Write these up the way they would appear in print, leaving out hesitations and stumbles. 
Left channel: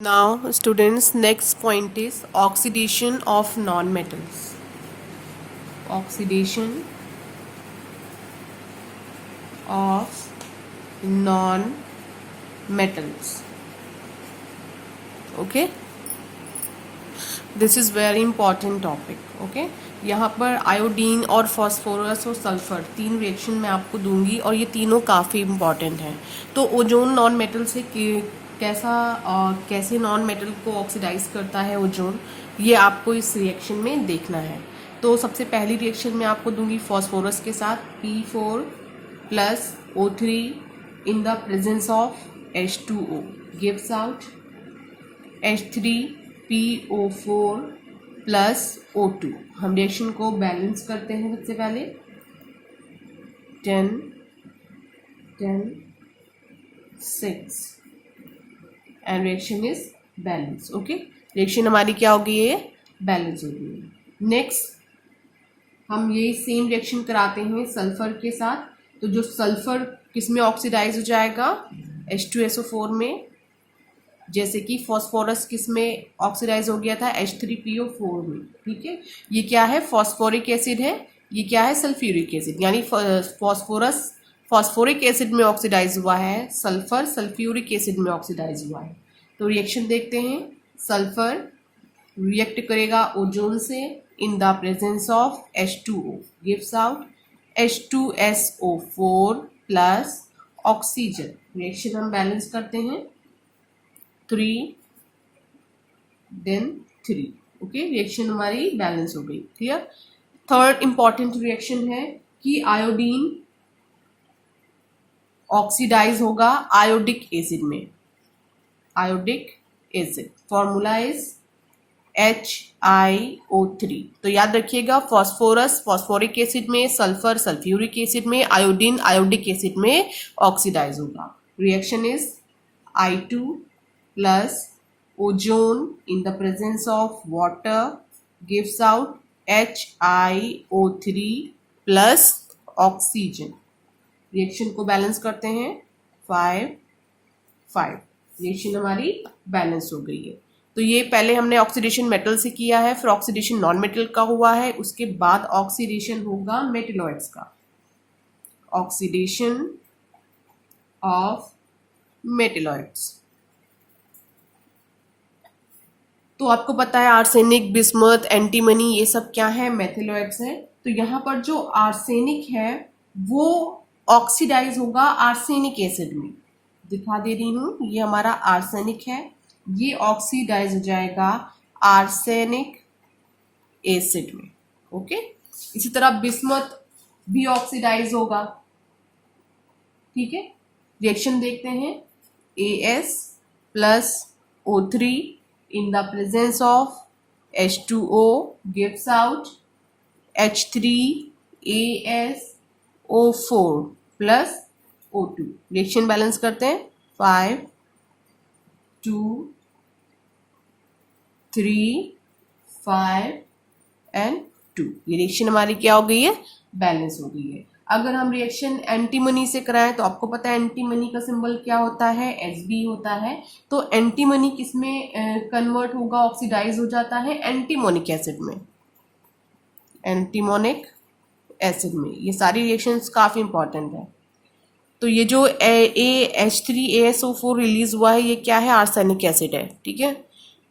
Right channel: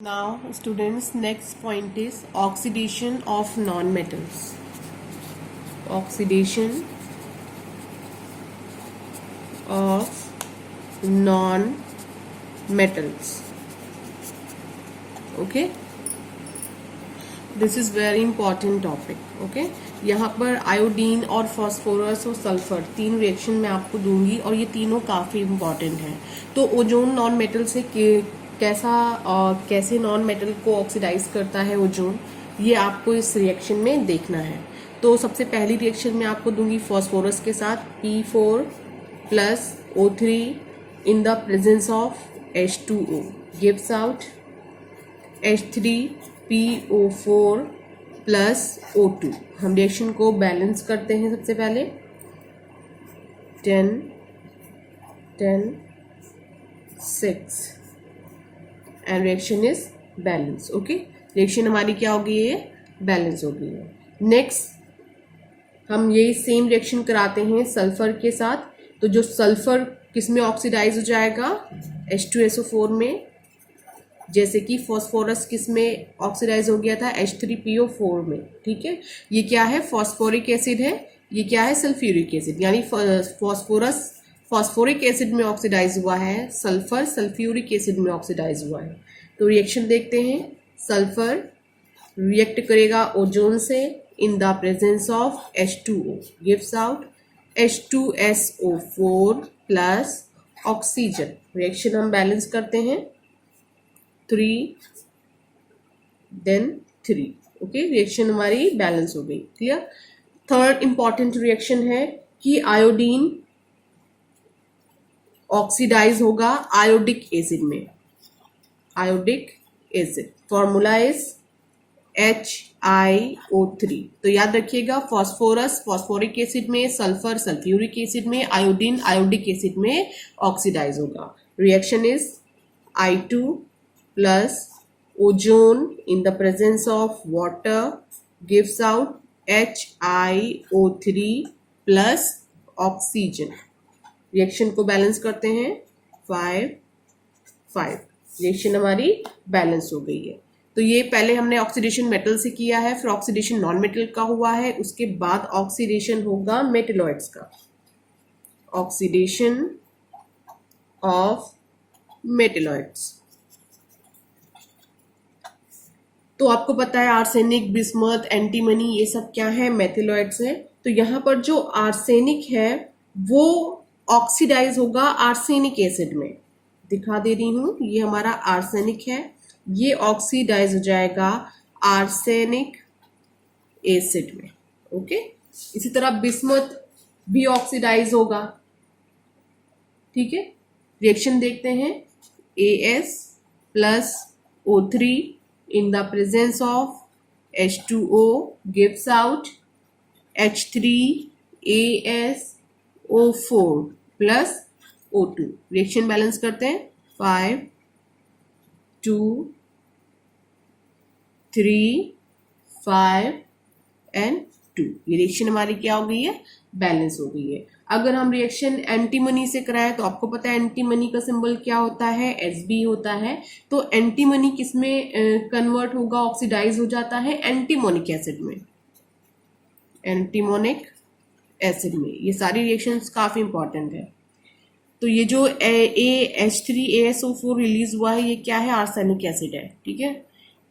Now students, next point is oxidation of non-metals. Oxidation of non-metals. Okay, this is very important topic. Okay, यहाँ पर iodine और phosphorus और sulphur तीन reaction मैं आपको दूंगी और ये तीनों काफ़ी इम्पॉर्टेंट हैं। तो ओजोन नॉन मेटल से कैसा और कैसे नॉन मेटल को ऑक्सीडाइज करता है ओजोन, ये आपको इस रिएक्शन में देखना है। तो सबसे पहली रिएक्शन मैं आपको दूंगी फॉस्फोरस के साथ P4 plus O3 in the presence of H2O gives out H3PO4 plus O2। हम रिएक्शन को बैलेंस करते हैं। सबसे पहले 10 10 6 and reaction is balance. Okay, reaction हमारी क्या हो गई है, बैलेंस हो गई है। नेक्स्ट हम यही सेम रिएक्शन कराते हैं सल्फर के साथ। तो जो सल्फर किस में ऑक्सीडाइज हो जाएगा, H2SO4 में, जैसे कि फॉस्फोरस किस में ऑक्सीडाइज हो गया था, H3PO4 में। ठीक है, ये क्या है, फॉस्फोरिक एसिड है, ये क्या है, सल्फ्यूरिक एसिड। यानी फॉस्फोरस फॉस्फोरिक एसिड में ऑक्सीडाइज हुआ है, सल्फर सल्फ्यूरिक एसिड में ऑक्सीडाइज हुआ है। तो रिएक्शन देखते हैं। सल्फर रिएक्ट करेगा ओजोन से in the presence of H2O gives out H2SO4 plus oxygen. Reaction हम बैलेंस करते हैं 3 देन 3। ओके, रिएक्शन हमारी बैलेंस हो गई। क्लियर। थर्ड इंपॉर्टेंट रिएक्शन है कि आयोडीन ऑक्सीडाइज होगा आयोडिक एसिड में। Iodic acid formula is HiO3। तो याद रखिएगा, फॉस्फोरस फॉस्फोरिक एसिड में, सल्फर सल्फ्यूरिक एसिड में, आयोडीन आयोडिक एसिड में ऑक्सीडाइज होगा। Reaction is I2 plus ozone in the presence of water gives out HiO3 plus oxygen। Reaction को balance करते हैं 5 5। रिएक्शन हमारी बैलेंस हो गई है। तो ये पहले हमने ऑक्सीडेशन मेटल से किया है, फिर ऑक्सीडेशन नॉन मेटल का हुआ है, उसके बाद ऑक्सीडेशन होगा मेटेलॉइड्स का। Oxidation of metalloids. तो आपको पता है आर्सेनिक, बिस्मथ, एंटीमनी, ये सब क्या है, मेथिलॉइड्स है। तो यहाँ पर जो आर्सेनिक है वो ऑक्सीडाइज होगा आर्सेनिक एसिड में। दिखा दे रही हूं, ये हमारा आर्सेनिक है, ये ऑक्सीडाइज हो जाएगा आर्सेनिक एसिड में। ओके, इसी तरह बिस्मथ भी ऑक्सीडाइज होगा। ठीक है, रिएक्शन देखते हैं। AS plus O3 in the presence of H2O gives out H3AsO4 plus O2। Reaction balance करते हैं 5 2 3 5 एंड 2। ये रिएक्शन हमारी क्या हो गई है, बैलेंस हो गई है। अगर हम रिएक्शन एंटीमनी से कराएं तो आपको पता है एंटीमनी का सिंबल क्या होता है, Sb होता है। तो एंटीमनी किस में कन्वर्ट होगा, ऑक्सीडाइज हो जाता है एंटीमोनिक एसिड में। एंटीमोनिक एसिड में ये सारी रिएक्शंस काफी इंपॉर्टेंट है। तो ये जो H3AsO4 रिलीज हुआ है, ये क्या है, आर्सेनिक एसिड है। ठीक है,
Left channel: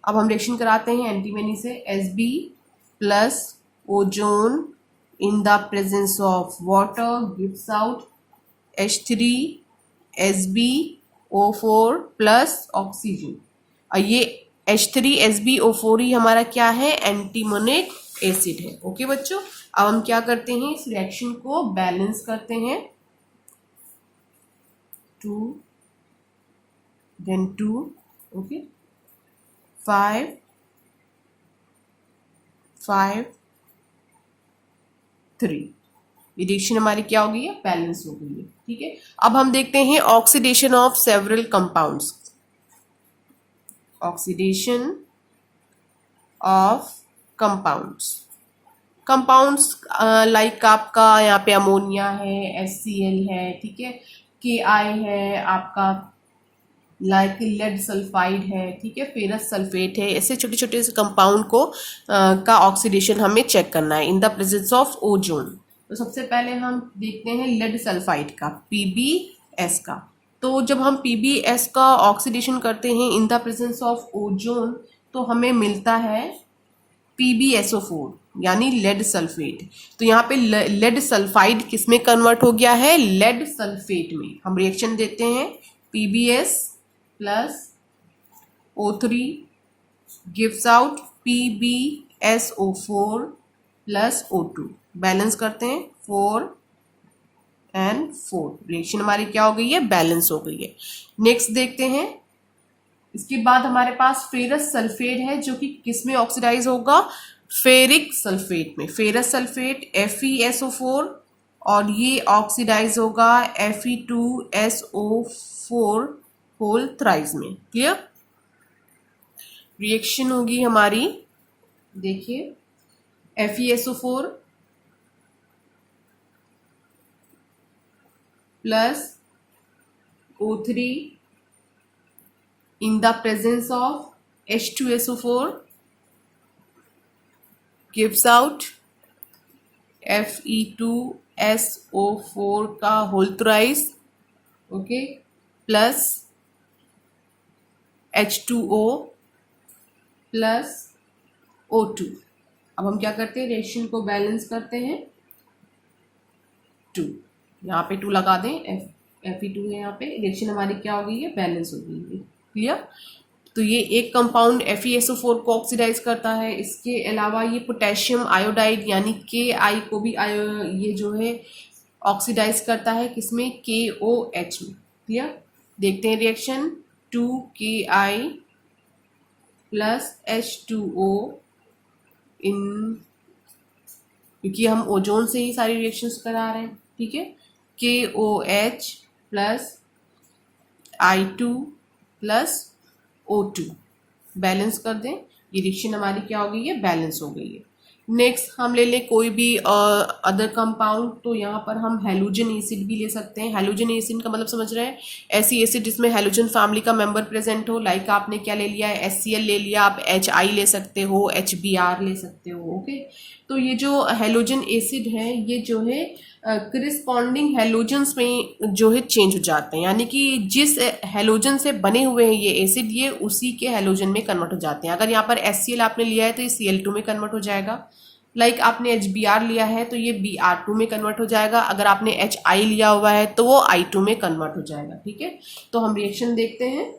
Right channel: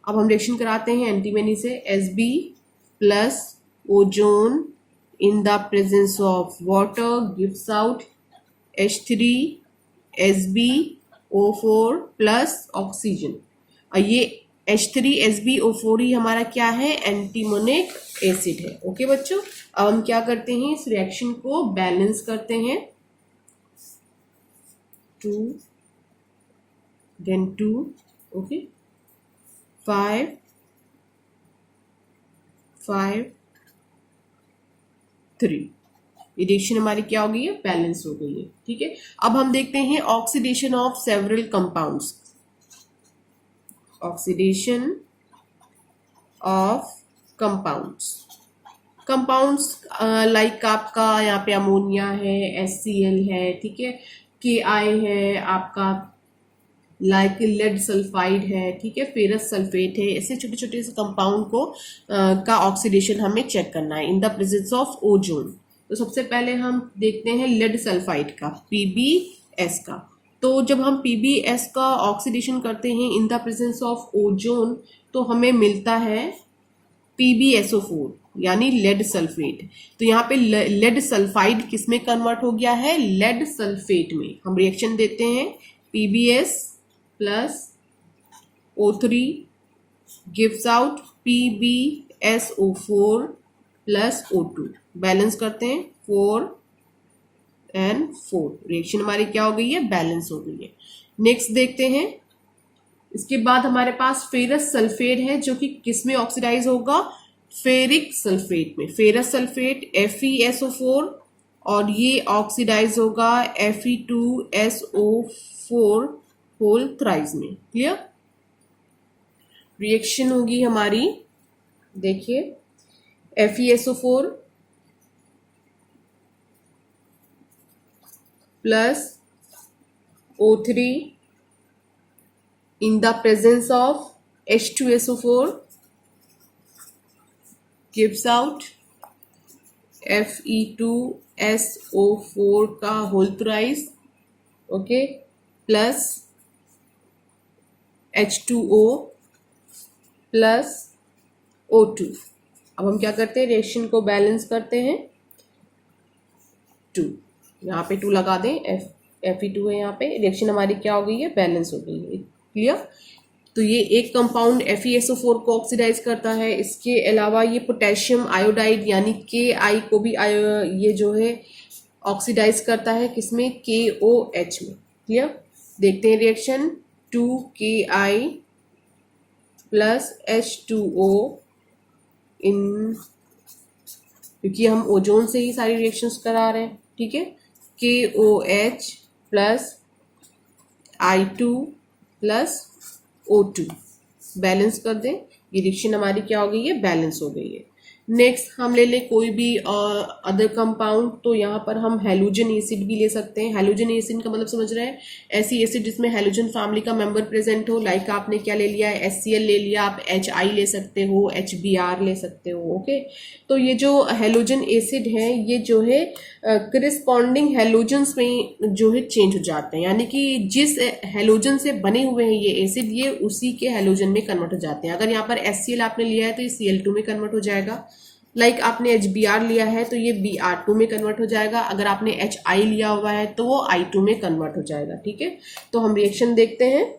अब हम रिएक्शन कराते हैं एंटीमनी से। Sb plus ozone in the presence of water gives out H3SbO4 plus oxygen। और ये H3SbO4 ही हमारा क्या है, एंटीमोनिक एसिड है। ओके बच्चों, अब हम क्या करते हैं, इस रिएक्शन को बैलेंस करते हैं। 2 then 2। ओके, 5 5 3। ये रिएक्शन हमारी क्या हो गई है, बैलेंस हो गई है। ठीक है, अब हम देखते हैं oxidation of several compounds. Oxidation of compounds. Compounds like आपका यहाँ पे अमोनिया है, HCl है, ठीक है, Ki है, आपका लाइक लेड सल्फाइड है, ठीक है, फेरस सल्फेट है, ऐसे छोटे छोटे से कंपाउंड को का ऑक्सीडेशन हमें चेक करना है in the presence of ozone. तो सबसे पहले हम देखते हैं लेड सल्फाइड का, PbS का। तो जब हम PbS का ऑक्सीडेशन करते हैं in the presence of ozone तो हमें मिलता है PbSO4 यानी लेड सल्फेट। तो यहाँ पे लेड सल्फाइड किस में कन्वर्ट हो गया है, लेड सल्फेट में। हम रिएक्शन देते हैं PbS plus O3 gives out PbSO4 plus O2, balance करते हैं 4 and 4, रिएक्शन हमारी क्या हो गई है, बैलेंस हो गई है। नेक्स्ट देखते हैं, इसके बाद हमारे पास फेरस सल्फेट है जो कि किस में ऑक्सीडाइज होगा, फेरिक सल्फेट में। फेरस सल्फेट FeSO4 और ये ऑक्सीडाइज होगा Fe2SO4 होल थ्राइस में। क्लियर, रिएक्शन होगी हमारी, देखिए FeSO4 plus O3 in the presence of H2SO4 gives out Fe2SO4 का whole thrice, okay, plus H2O plus O2। अब हम क्या करते हैं, रिएक्शन को बैलेंस करते हैं 2, यहाँ पे 2 लगा दें, Fe2 है यहाँ पे, रिएक्शन हमारी क्या हो गई है, बैलेंस हो गई है। क्लियर, तो ये एक कंपाउंड FeSO4 को ऑक्सीडाइज करता है। इसके अलावा ये पोटेशियम आयोडाइड यानी Ki को भी ये जो है ऑक्सीडाइज करता है, किसमें, KOH में। क्लियर, देखते हैं रिएक्शन 2Ki प्लस H2O इन, क्योंकि हम ओजोन से ही सारी रिएक्शंस करा रहे हैं, ठीक है, KOH plus I2 plus O2, balance कर दें, ये रिएक्शन हमारी क्या हो गई है, बैलेंस हो गई है। नेक्स्ट हम ले लें कोई भी अदर कंपाउंड, तो यहाँ पर हम हैलोजन एसिड भी ले सकते हैं। हैलोजन एसिड का मतलब समझ रहे हैं, ऐसी एसिड जिसमें हैलोजन फैमिली का मेंबर प्रेजेंट हो। लाइक आपने क्या ले लिया है, HCl ले लिया, आप HI ले सकते हो, HBr ले सकते हो, ओके। तो ये जो हैलोजन एसिड है ये जो है करिस्पॉन्डिंग हैलोजन्स में जो है चेंज हो जाते हैं, यानी कि जिस हैलोजन से बने हुए हैं ये एसिड, ये उसी के हैलोजन में कन्वर्ट हो जाते हैं। अगर यहाँ पर HCl आपने लिया है तो ये Cl2 में कन्वर्ट हो जाएगा। लाइक आपने HBr लिया है तो ये Br2 में कन्वर्ट हो जाएगा। अगर आपने HI लिया हुआ है तो वो I2 में कन्वर्ट हो जाएगा, ठीक है। तो हम रिएक्शन देखते हैं।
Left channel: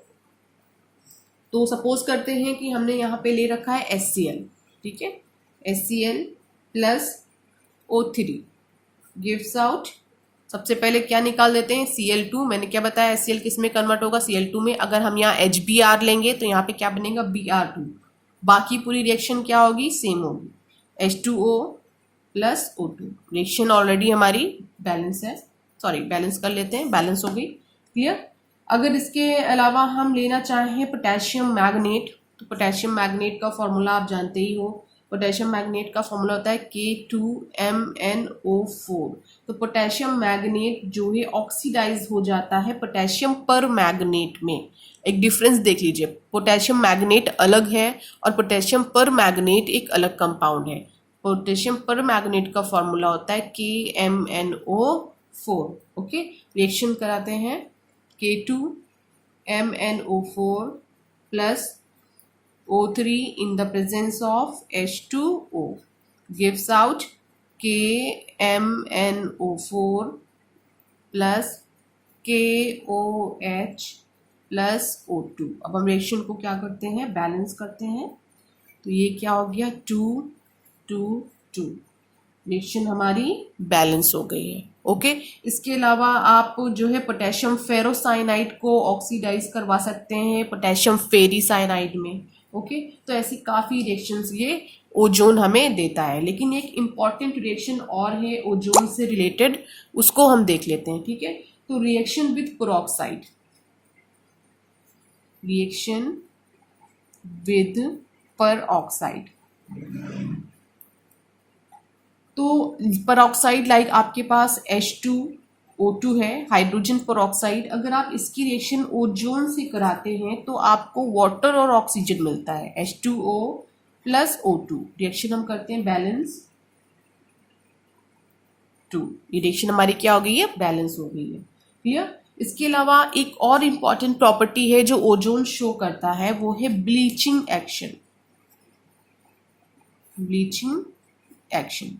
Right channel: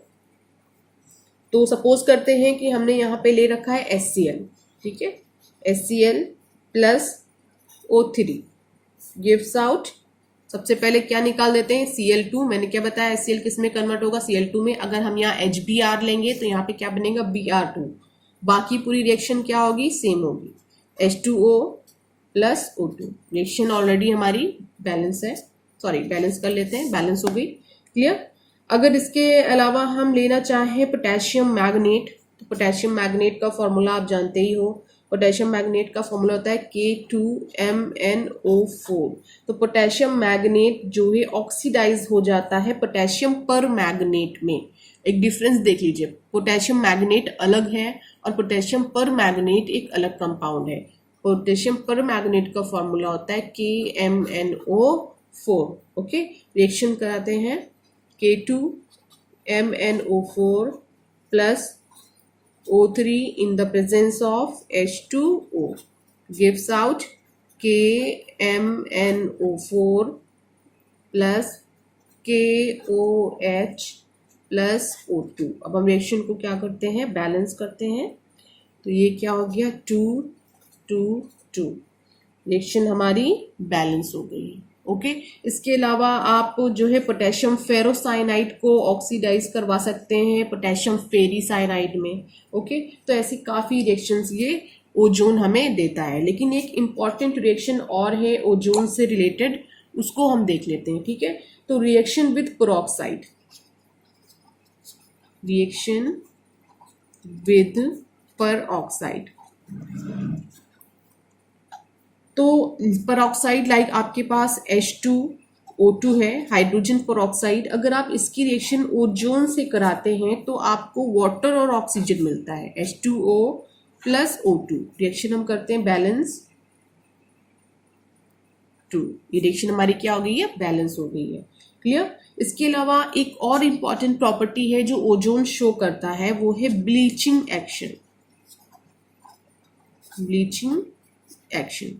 तो सपोज करते हैं कि हमने यहाँ पे ले रखा है HCl, ठीक है, HCl plus O3 gives out, सबसे पहले क्या निकाल देते हैं, Cl2। मैंने क्या बताया, HCl किस में कन्वर्ट होगा, Cl2 में। अगर हम यहाँ HBr लेंगे तो यहाँ पे क्या बनेगा, Br2। बाकी पूरी रिएक्शन क्या होगी, सेम होगी, H2O plus O2। Reaction already हमारी बैलेंस है, सॉरी बैलेंस कर लेते हैं, बैलेंस हो गई। क्लियर, अगर इसके अलावा हम लेना चाहें पोटेशियम मैग्नेट, तो पोटेशियम मैग्नेट का फॉर्मूला आप जानते ही हो। पोटेशियम मैग्नेट का फॉर्मूला होता है K2MnO4। तो पोटेशियम मैग्नेट जो है ऑक्सीडाइज हो जाता है पोटेशियम पर मैग्नेट में। एक डिफरेंस देख लीजिए, पोटेशियम मैग्नेट अलग है और पोटेशियम पर मैग्नेट एक अलग कंपाउंड है। पोटेशियम पर मैग्नेट का फॉर्मूला होता है KMnO4, ओके। रिएक्शन कराते हैं, K2MnO4 plus O3 in the presence of H2O gives out KMnO4 plus KOH plus O2। अब हम रिएक्शन को क्या करते हैं, बैलेंस करते हैं। तो ये क्या हो गया, 2 2 2, रिएक्शन हमारी बैलेंस हो गई है, ओके। इसके अलावा आप जो है पोटेशियम फेरोसाइनाइड को ऑक्सीडाइज करवा सकते हैं पोटेशियम फेरीसाइनाइड में, ओके। तो ऐसी काफ़ी रिएक्शंस ये ओजोन हमें देता है। लेकिन एक इम्पॉर्टेंट रिएक्शन और है ओजोन से रिलेटेड, उसको हम देख लेते हैं, ठीक है। तो reaction with peroxide, reaction with peroxide. तो पेरोक्साइड लाइक आपके पास H2 O2 है हाइड्रोजन परऑक्साइड। अगर आप इसकी रिएक्शन ओजोन से कराते हैं तो आपको वाटर और ऑक्सीजन मिलता है H2O प्लस O2। रिएक्शन हम करते हैं बैलेंस 2। ये रिएक्शन हमारी क्या हो गई है, बैलेंस हो गई है। क्लियर। इसके अलावा एक और इंपॉर्टेंट प्रॉपर्टी है जो ओजोन शो करता है, वो है bleaching action. Bleaching action,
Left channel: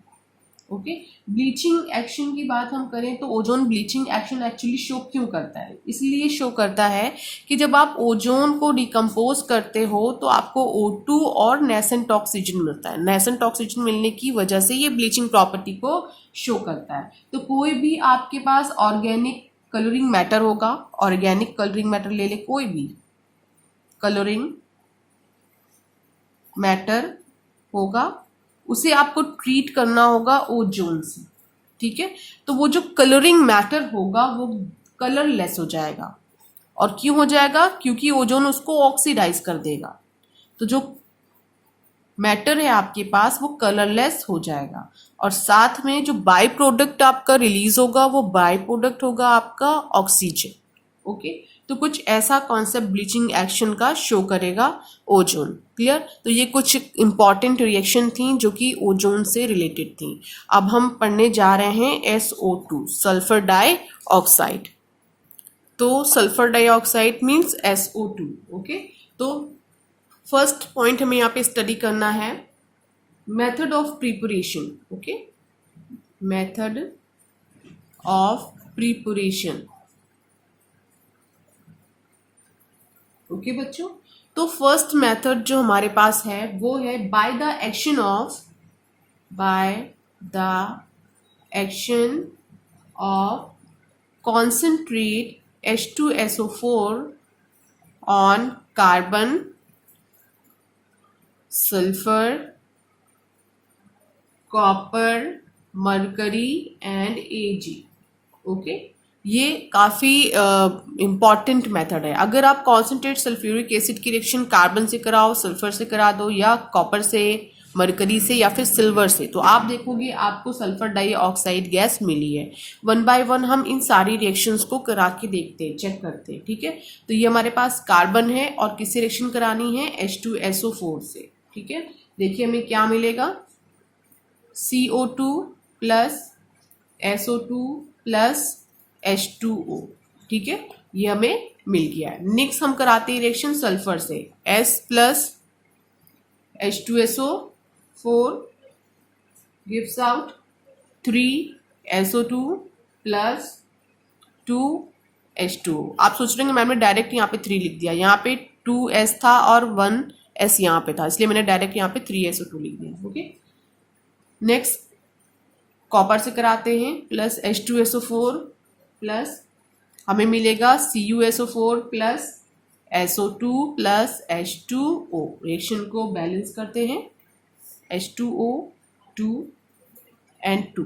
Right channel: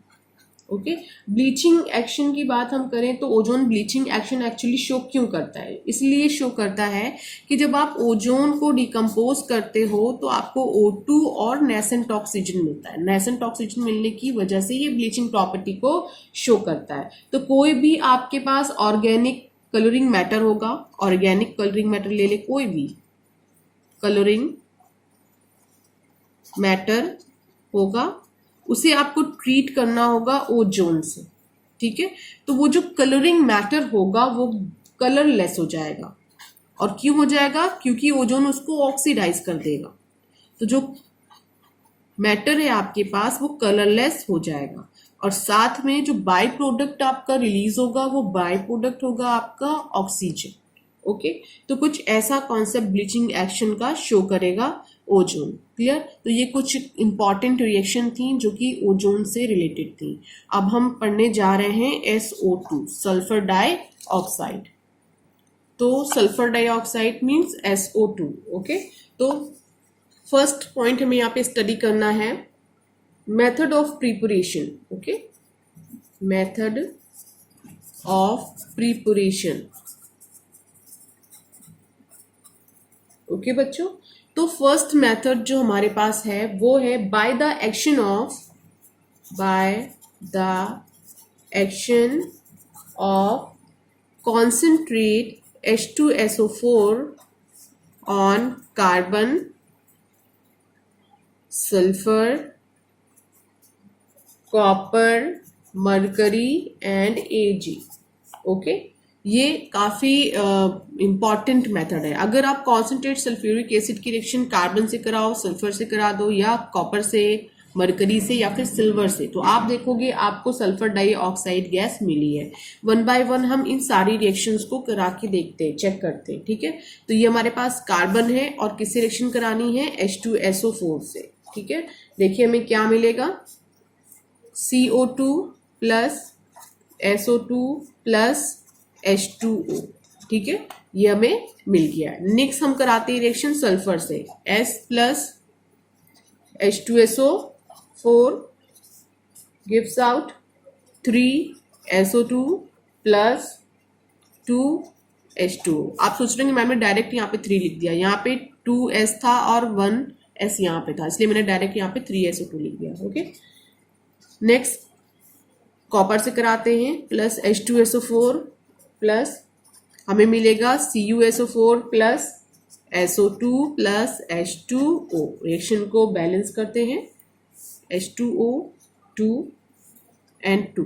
okay. Bleaching action की बात हम करें तो ozone bleaching action actually show क्यों करता है, इसलिए शो करता है कि जब आप ओजोन को डिकम्पोज करते हो तो आपको O2 और नेसेंट ऑक्सीजन मिलता है। नेसेंट ऑक्सीजन मिलने की वजह से ये ब्लीचिंग प्रॉपर्टी को शो करता है। तो कोई भी आपके पास ऑर्गेनिक कलरिंग मैटर होगा, ऑर्गेनिक कलरिंग मैटर ले ले, कोई भी कलरिंग मैटर होगा, उसे आपको ट्रीट करना होगा ओजोन से, ठीक है। तो वो जो कलरिंग मैटर होगा वो कलरलेस हो जाएगा। और क्यों हो जाएगा, क्योंकि ओजोन उसको ऑक्सीडाइज कर देगा। तो जो मैटर है आपके पास वो कलरलेस हो जाएगा। और साथ में जो बाय प्रोडक्ट आपका रिलीज होगा वो बाय प्रोडक्ट होगा आपका ऑक्सीजन, ओके। तो कुछ ऐसा कॉन्सेप्ट ब्लीचिंग एक्शन का शो करेगा ओजोन। क्लियर। तो ये कुछ इंपॉर्टेंट रिएक्शन थी जो कि ओजोन से रिलेटेड थी। अब हम पढ़ने जा रहे हैं SO2 सल्फर डाइऑक्साइड। तो sulphur dioxide means SO2, okay. तो फर्स्ट पॉइंट हमें यहाँ पे स्टडी करना है method of preparation, okay. Method of preparation, okay बच्चों। तो फर्स्ट मेथड जो हमारे पास है वो है by the action of concentrate H2SO4 on carbon, sulphur, copper, mercury and Ag, okay. ये काफी इंपॉर्टेंट मेथड है। अगर आप कॉन्सेंट्रेट सल्फ्यूरिक एसिड की रिएक्शन कार्बन से कराओ, सल्फर से करा दो, या कॉपर से, मरकरी से, या फिर सिल्वर से, तो आप देखोगे आपको सल्फर डाइऑक्साइड गैस मिली है। 1 बाय 1 हम इन सारी रिएक्शंस को करा के देखते हैं, चेक करते हैं, ठीक है। तो ये हमारे पास कार्बन है और किससे रिएक्शन करानी है, H2SO4 से, ठीक है। देखिए हमें क्या मिलेगा, CO2 plus SO2 plus H2O, ठीक है। ये हमें मिल गया है। नेक्स्ट हम कराते हैं रिएक्शन सल्फर से, S plus H2SO4 gives out 3SO2 plus 2H2O। आप सोच रहे हैं मैंने डायरेक्ट यहाँ पे 3 लिख दिया, यहाँ पे 2S था और 1S यहाँ पे था, इसलिए मैंने डायरेक्ट यहाँ पे 3SO2 लिख दिया, ओके। नेक्स्ट कॉपर से कराते हैं, प्लस H2SO4 प्लस हमें मिलेगा CuSO4 plus SO2 plus H2O। Reaction को बैलेंस करते हैं, H2O 2 एंड 2,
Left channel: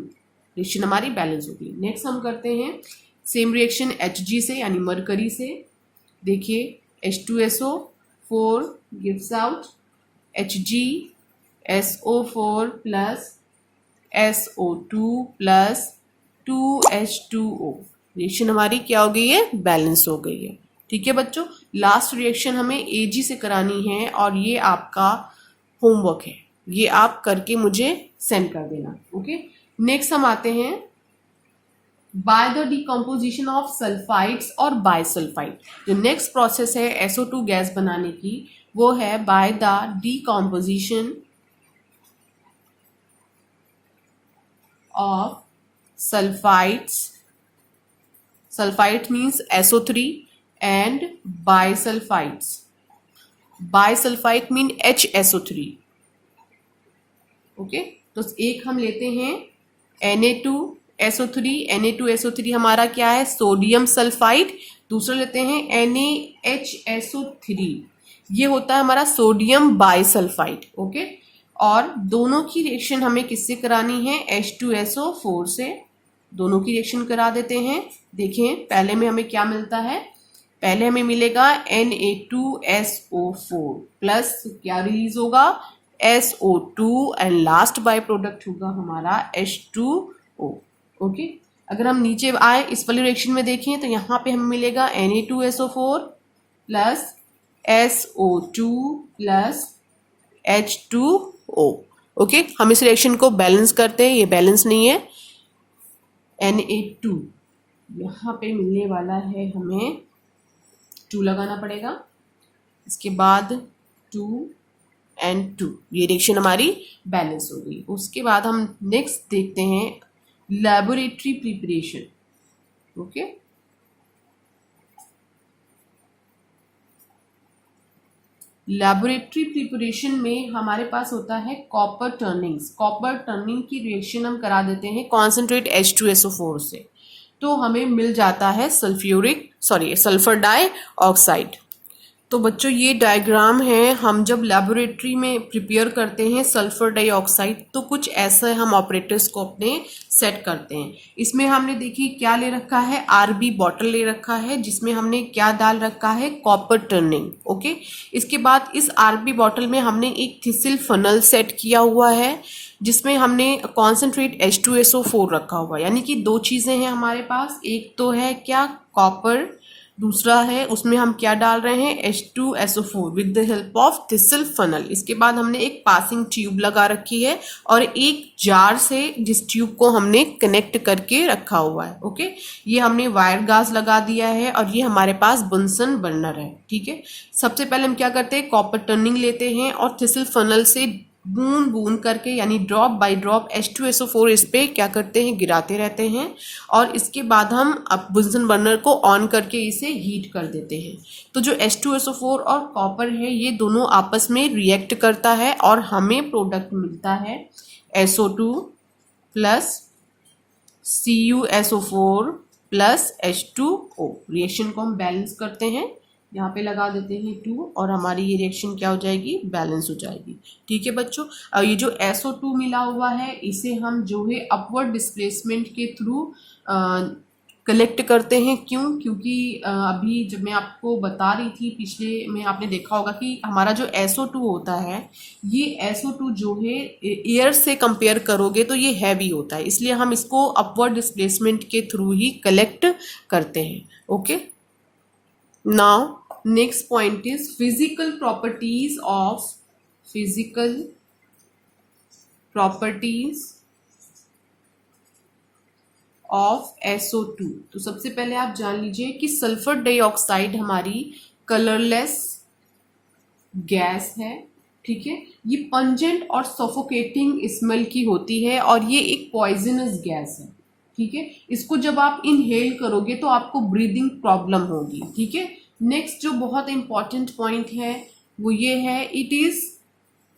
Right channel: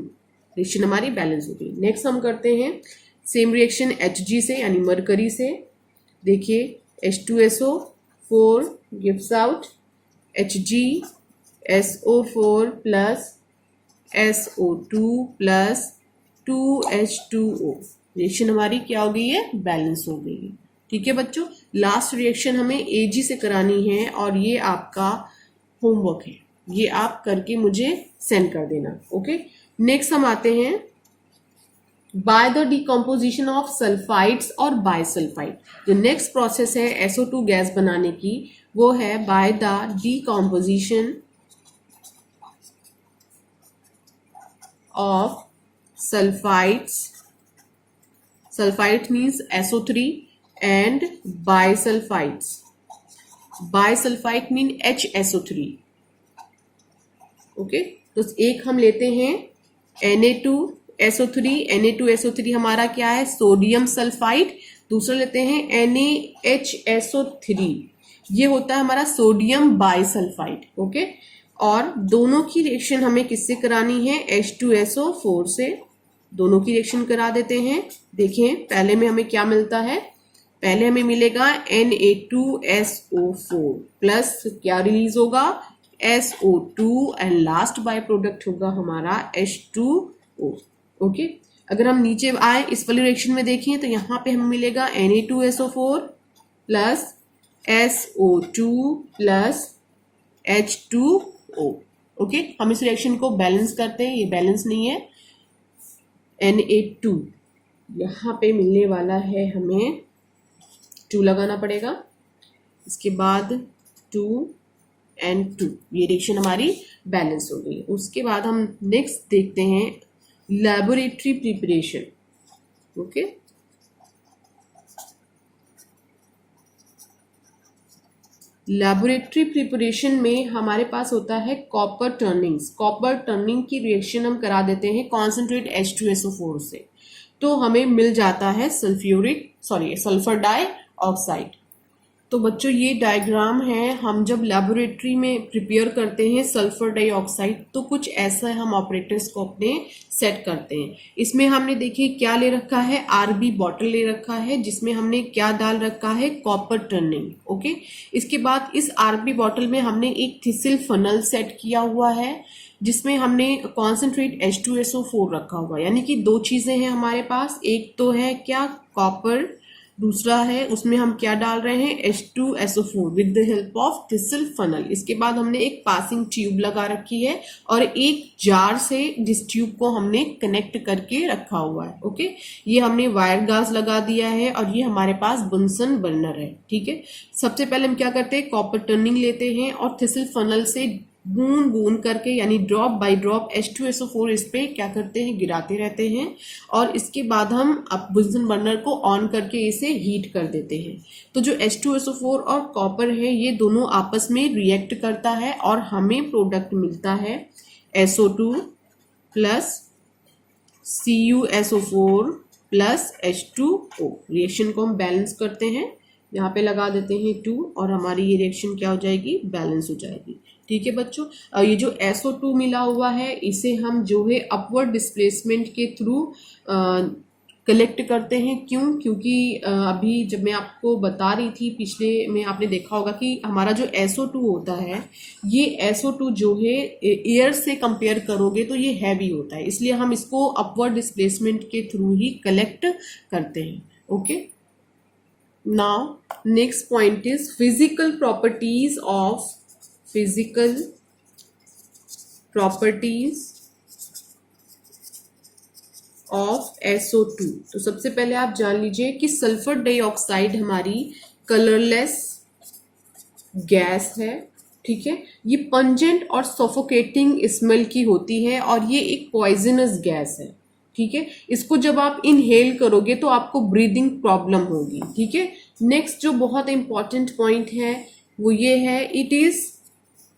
रिएक्शन हमारी बैलेंस हो गई। नेक्स्ट हम करते हैं सेम रिएक्शन Hg से यानी मरकरी से। देखिए H2SO4 gives out HgSO4 plus SO2 plus 2H2O। Reaction हमारी क्या हो गई है, बैलेंस हो गई है, ठीक है बच्चों। लास्ट रिएक्शन हमें Ag से करानी है और ये आपका होमवर्क है, ये आप करके मुझे सेंड कर देना, ओके। नेक्स्ट हम आते हैं by the decomposition of sulphides और बायसल्फाइड। जो नेक्स्ट प्रोसेस है SO2 गैस बनाने की वो है by the decomposition of sulfides, sulfide means SO3 and bisulfides, bisulfide mean HSO3, okay. तो एक हम लेते हैं Na2SO3, Na2SO3 हमारा क्या है, सोडियम सल्फाइड। दूसरा लेते हैं NaHSO3, ये होता है हमारा सोडियम बाइसल्फाइड, ओके। और दोनों की रिएक्शन हमें किससे करानी है, H2SO4 से। दोनों की रिएक्शन करा देते हैं। देखें पहले में हमें क्या मिलता है, पहले हमें मिलेगा Na2SO4 प्लस क्या रिलीज होगा, SO2 and last by product होगा हमारा H2O, ओके। अगर हम नीचे आए इस वाली रिएक्शन में देखें तो यहाँ पे हमें मिलेगा Na2SO4 plus SO2 plus H2O। Okay, हम इस रिएक्शन को बैलेंस करते हैं, ये बैलेंस नहीं है। Na2 यहाँ पे मिलने वाला है, हमें 2 लगाना पड़ेगा, इसके बाद 2 and 2, ये रिएक्शन हमारी बैलेंस हो गई। उसके बाद हम नेक्स्ट देखते हैं laboratory preparation. Okay, laboratory preparation में हमारे पास होता है कॉपर टर्निंग्स। कॉपर टर्निंग की रिएक्शन हम करा देते हैं कॉन्सेंट्रेट H2SO4 से, तो हमें मिल जाता है सल्फर डाइऑक्साइड। तो बच्चों ये डायग्राम है, हम जब लेबोरेटरी में प्रिपेयर करते हैं सल्फर डाइऑक्साइड तो कुछ ऐसा हम ऑपरेटर्स को अपने सेट करते हैं। इसमें हमने देखिए क्या ले रखा है, आरबी बॉटल ले रखा है जिसमें हमने क्या डाल रखा है, कॉपर टर्निंग। ओके, इसके बाद इस आरबी बॉटल में हमने एक थिसिल फनल सेट किया हुआ है जिसमें हमने कॉन्सेंट्रेट H2SO4 रखा हुआ है। यानी कि 2 चीजें हैं हमारे पास, एक तो है क्या, कॉपर, दूसरा है उसमें हम क्या डाल रहे हैं, H2SO4 with the help of thistle funnel. इसके बाद हमने एक पासिंग ट्यूब लगा रखी है और एक जार से जिस ट्यूब को हमने कनेक्ट करके रखा हुआ है। ओके, ये हमने वायर गाज लगा दिया है और ये हमारे पास बुनसन बर्नर है। ठीक है, सबसे पहले हम क्या करते हैं, कॉपर टर्निंग लेते हैं और थिसल फनल से बूंद बूंद करके यानी ड्रॉप बाय ड्रॉप H2SO4 इस पे क्या करते हैं, गिराते रहते हैं और इसके बाद हम अब बुनसन बर्नर को ऑन करके इसे हीट कर देते हैं। तो जो H2SO4 और कॉपर है ये दोनों आपस में रिएक्ट करता है और हमें प्रोडक्ट मिलता है SO2 plus CuSO4 plus H2O। Reaction को हम बैलेंस करते हैं, यहाँ पे लगा देते हैं 2 और हमारी ये रिएक्शन क्या हो जाएगी, बैलेंस हो जाएगी। ठीक है बच्चों, ये जो SO2 मिला हुआ है इसे हम जो है अपवर्ड डिस्प्लेसमेंट के थ्रू कलेक्ट करते हैं। क्यों, क्योंकि अभी जब मैं आपको बता रही थी पिछले में आपने देखा होगा कि हमारा जो SO2 होता है ये SO2 जो है एयर से कंपेयर करोगे तो ये हैवी होता है, इसलिए हम इसको अपवर्ड डिस्प्लेसमेंट के थ्रू ही कलेक्ट करते हैं। Okay, now next point is physical properties of SO2। तो सबसे पहले आप जान लीजिए कि सल्फर डाइऑक्साइड हमारी कलरलेस गैस है। ठीक है, ये पंजेंट और सफोकेटिंग स्मेल की होती है और ये एक पॉइजनस गैस है। ठीक है, इसको जब आप इनहेल करोगे तो आपको ब्रीदिंग प्रॉब्लम होगी। ठीक है, नेक्स्ट जो बहुत इंपॉर्टेंट पॉइंट है वो ये है, it is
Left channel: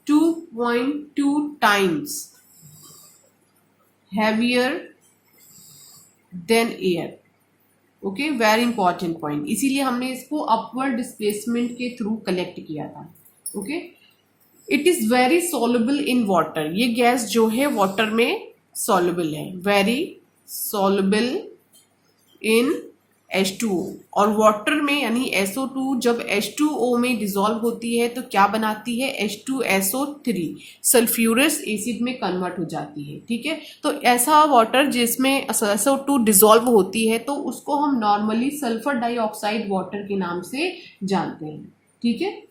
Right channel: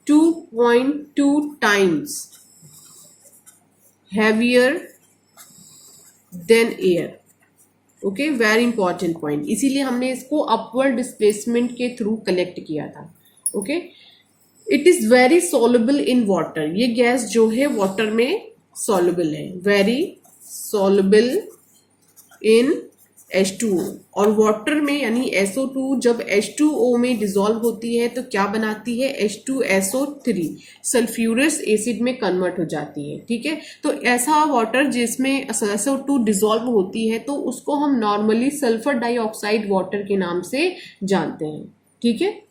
2.2 times heavier than air. Okay, very important point, इसीलिए हमने इसको अपवर्ड डिस्प्लेसमेंट के थ्रू कलेक्ट किया था। Okay, it is very soluble in water, ये गैस जो है वाटर में सॉल्युबल है, वेरी सॉल्युबल इन H2O। और वाटर में यानी SO2 जब H2O में डिसॉल्व होती है तो क्या बनाती है, H2SO3 सल्फ्यूरस एसिड में कन्वर्ट हो जाती है। ठीक है, तो ऐसा वाटर जिसमें SO2 डिसॉल्व होती है तो उसको हम नॉर्मली सल्फर डाइऑक्साइड वाटर के नाम से जानते हैं। ठीक है,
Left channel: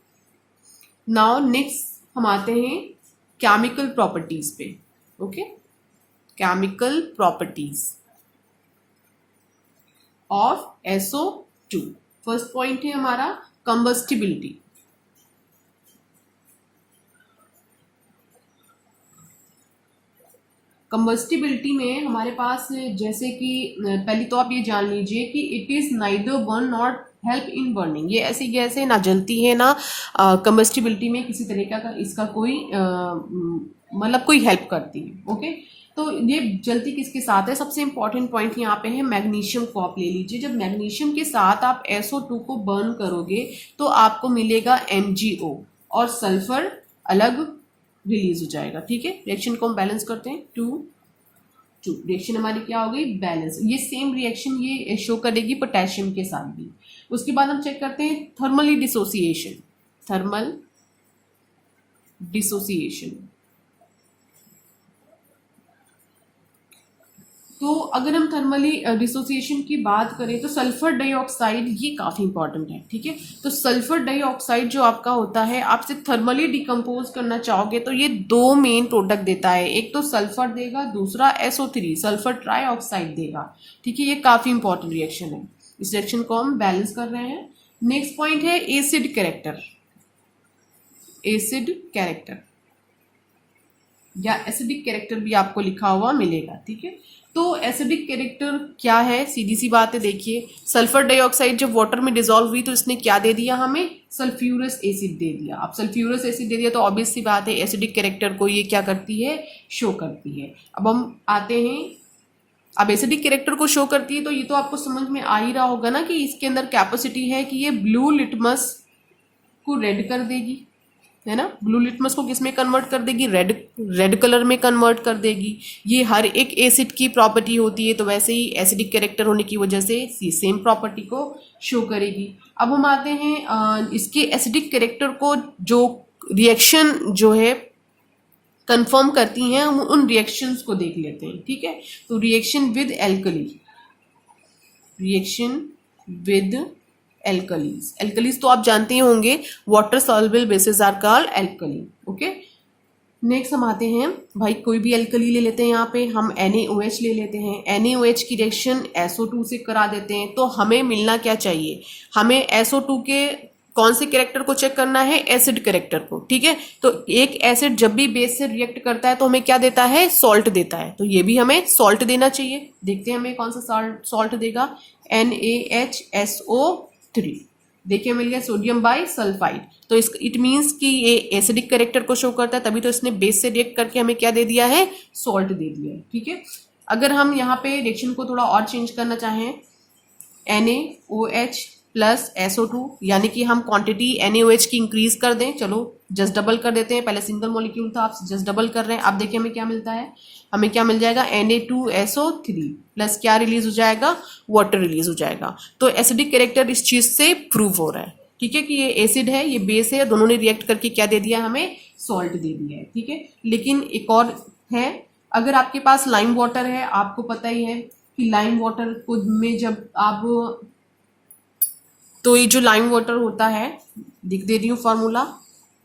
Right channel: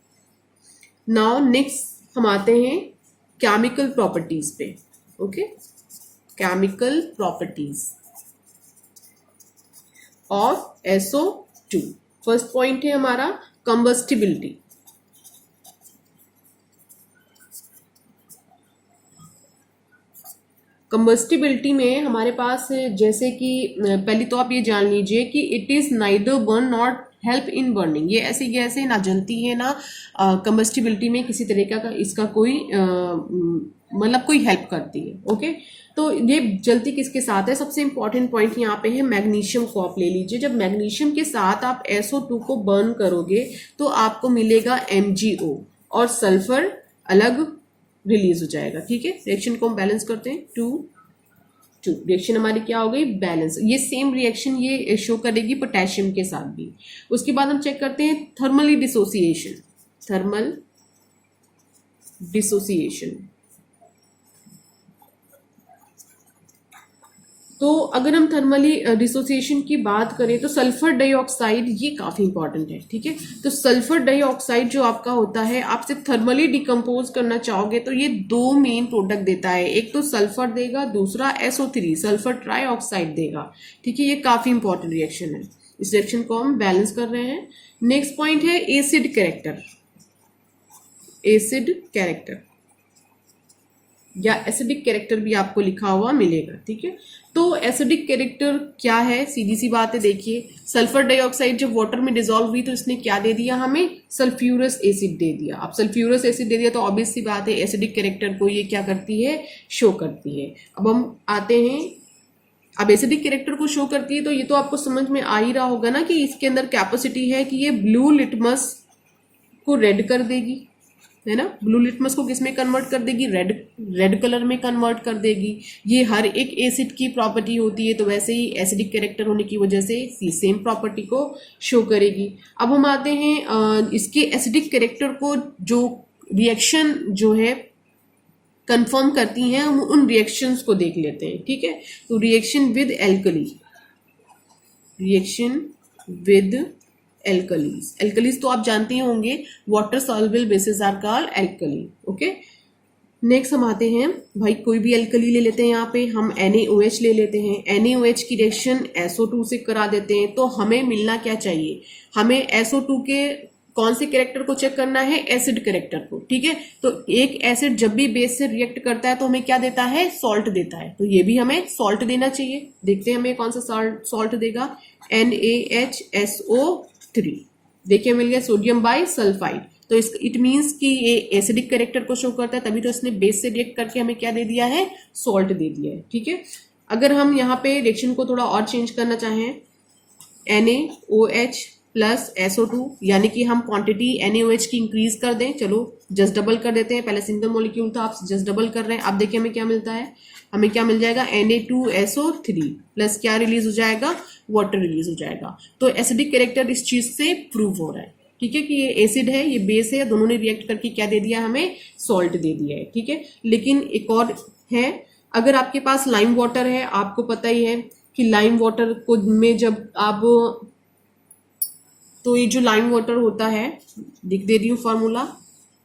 नाउ नेक्स्ट हम आते हैं केमिकल प्रॉपर्टीज पे। Okay, chemical properties of SO2। First point है हमारा कंबस्टिबिलिटी। कंबस्टिबिलिटी में हमारे पास जैसे कि पहले तो आप ये जान लीजिए कि it is neither burn not help in burning, ये ऐसी गैस है ना जलती है ना कंबस्टिबिलिटी में किसी तरीका का इसका कोई मतलब कोई हेल्प करती है। ओके, तो ये जलती किसके साथ है, सबसे इंपॉर्टेंट पॉइंट यहाँ पे है मैग्नीशियम को आप ले लीजिए। जब मैग्नीशियम के साथ आप SO2 को बर्न करोगे तो आपको मिलेगा MgO और सल्फर अलग रिलीज हो जाएगा। ठीक है, रिएक्शन को हम बैलेंस करते हैं, 2 रिएक्शन हमारी क्या हो गई, बैलेंस। ये सेम रिएक्शन ये शो करेगी पोटेशियम के साथ भी। उसके बाद हम चेक करते हैं थर्मल डिसोसिएशन। तो अगर हम थर्मली डिसोसिएशन की बात करें तो सल्फर डाइऑक्साइड ये काफी इंपॉर्टेंट है, ठीक है। तो सल्फर डाइऑक्साइड जो आपका होता है, आप सिर्फ थर्मली डिकम्पोज करना चाहोगे तो ये दो मेन प्रोडक्ट देता है, एक तो सल्फर देगा, दूसरा SO3 सल्फर ट्राइऑक्साइड देगा, ठीक है। ये काफी इंपॉर्टेंट रिएक्शन है, इस रिएक्शन को हम बैलेंस कर रहे हैं। नेक्स्ट पॉइंट है एसिड कैरेक्टर, एसिड कैरेक्टर या एसिडिक कैरेक्टर भी आपको लिखा हुआ मिलेगा, ठीक है। तो एसिडिक कैरेक्टर क्या है, सीधी सी बात है, देखिए सल्फर डाइऑक्साइड जब वाटर में डिसॉल्व हुई तो इसने क्या दे दिया हमें, सल्फ्यूरस एसिड दे दिया। अब सल्फ्यूरस एसिड दे दिया तो ऑब्वियस सी बात है एसिडिक कैरेक्टर को ये क्या करती है, शो करती है। अब हम आते हैं, अब एसिडिक कैरेक्टर को शो करती है तो ये तो आपको समझ में आ ही रहा होगा ना कि इसके अंदर कैपेसिटी है कि ये ब्लू लिटमस को रेड कर देगी, है ना। ब्लू लिटमस को किस में कन्वर्ट कर देगी, रेड कलर में कन्वर्ट कर देगी। ये हर एक एसिड की प्रॉपर्टी होती है, तो वैसे ही एसिडिक कैरेक्टर होने की वजह से सेम प्रॉपर्टी को शो करेगी। अब हम आते हैं इसके एसिडिक कैरेक्टर को जो रिएक्शन जो है कंफर्म करती हैं, हम उन रिएक्शंस को देख लेते हैं, ठीक है। तो reaction with alkali, reaction with alkalis, alkalis तो आप जानते ही होंगे, water soluble bases are called alkali, okay. Next हम आते हैं, भाई कोई भी एल्कली ले लेते हैं, यहाँ पे हम NaOH ले लेते हैं, NaOH की रिएक्शन SO2 से करा देते हैं, तो हमें मिलना क्या चाहिए, हमें SO2 के कौन से कैरेक्टर को चेक करना है, एसिड कैरेक्टर को, ठीक है। तो एक एसिड जब भी बेस से रिएक्ट करता है तो हमें क्या देता है, सॉल्ट देता है, तो ये भी हमें सॉल्ट देना चाहिए। देखते हैं हमें कौन सा सॉल्ट देगा, NaHSO3, देखिए मिल गया, सोडियम बाई सल्फाइड। तो इट मीन्स कि ये एसिडिक कैरेक्टर को शो करता है, तभी तो इसने बेस से रिएक्ट करके हमें क्या दे दिया है, सॉल्ट दे दिया है, ठीक है। अगर हम यहाँ पे रिएक्शन को थोड़ा और चेंज करना चाहें, NaOH प्लस SO2, यानी कि हम क्वांटिटी NaOH की इंक्रीज कर दें, चलो जस्ट डबल कर देते हैं, पहले सिंगल मॉलिक्यूल था, आप जस्ट डबल कर रहे हैं। अब देखिए हमें क्या मिलता है, हमें क्या मिल जाएगा, Na2SO3 प्लस क्या रिलीज हो जाएगा, वाटर रिलीज हो जाएगा। तो एसिडिक कैरेक्टर इस चीज से प्रूव हो रहा है, ठीक है, कि ये एसिड है, ये बेस है, दोनों ने रिएक्ट करके क्या दे दिया, हमें सॉल्ट दे दिया है, ठीक है। लेकिन एक और है, अगर आपके पास लाइम वाटर है, आपको पता ही है कि लाइम वाटर को में जब आप, तो ये जो लाइम वाटर होता है, दिख दे रही हूँ फार्मूला,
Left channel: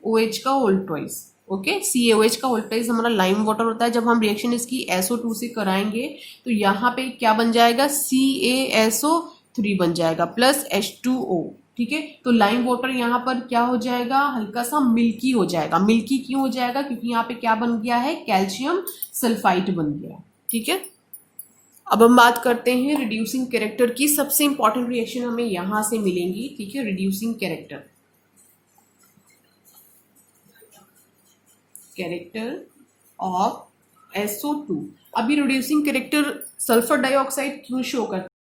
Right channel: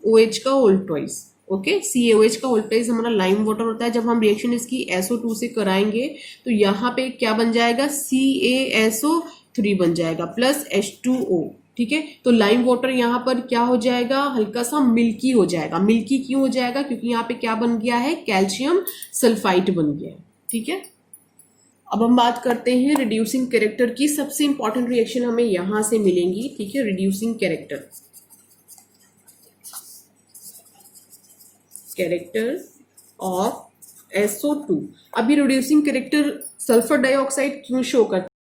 OH का होल ट्वाइस, ओके, CaOH का होल ट्वाइस हमारा लाइम वाटर होता है। जब हम रिएक्शन इसकी SO2 से कराएंगे तो यहाँ पे क्या बन जाएगा, CaSO3 बन जाएगा प्लस H2O, ठीक है। तो लाइम वाटर यहाँ पर क्या हो जाएगा, हल्का सा मिल्की हो जाएगा। मिल्की क्यों हो जाएगा, क्योंकि यहाँ पे क्या बन गया है, कैल्शियम सल्फाइड बन गया, ठीक है। अब हम बात करते हैं रिड्यूसिंग कैरेक्टर की, सबसे इंपॉर्टेंट रिएक्शन हमें यहां से मिलेंगी, ठीक है। Reducing character, character of SO2। अभी रिड्यूसिंग कैरेक्टर सल्फर डाइऑक्साइड क्यों शो करता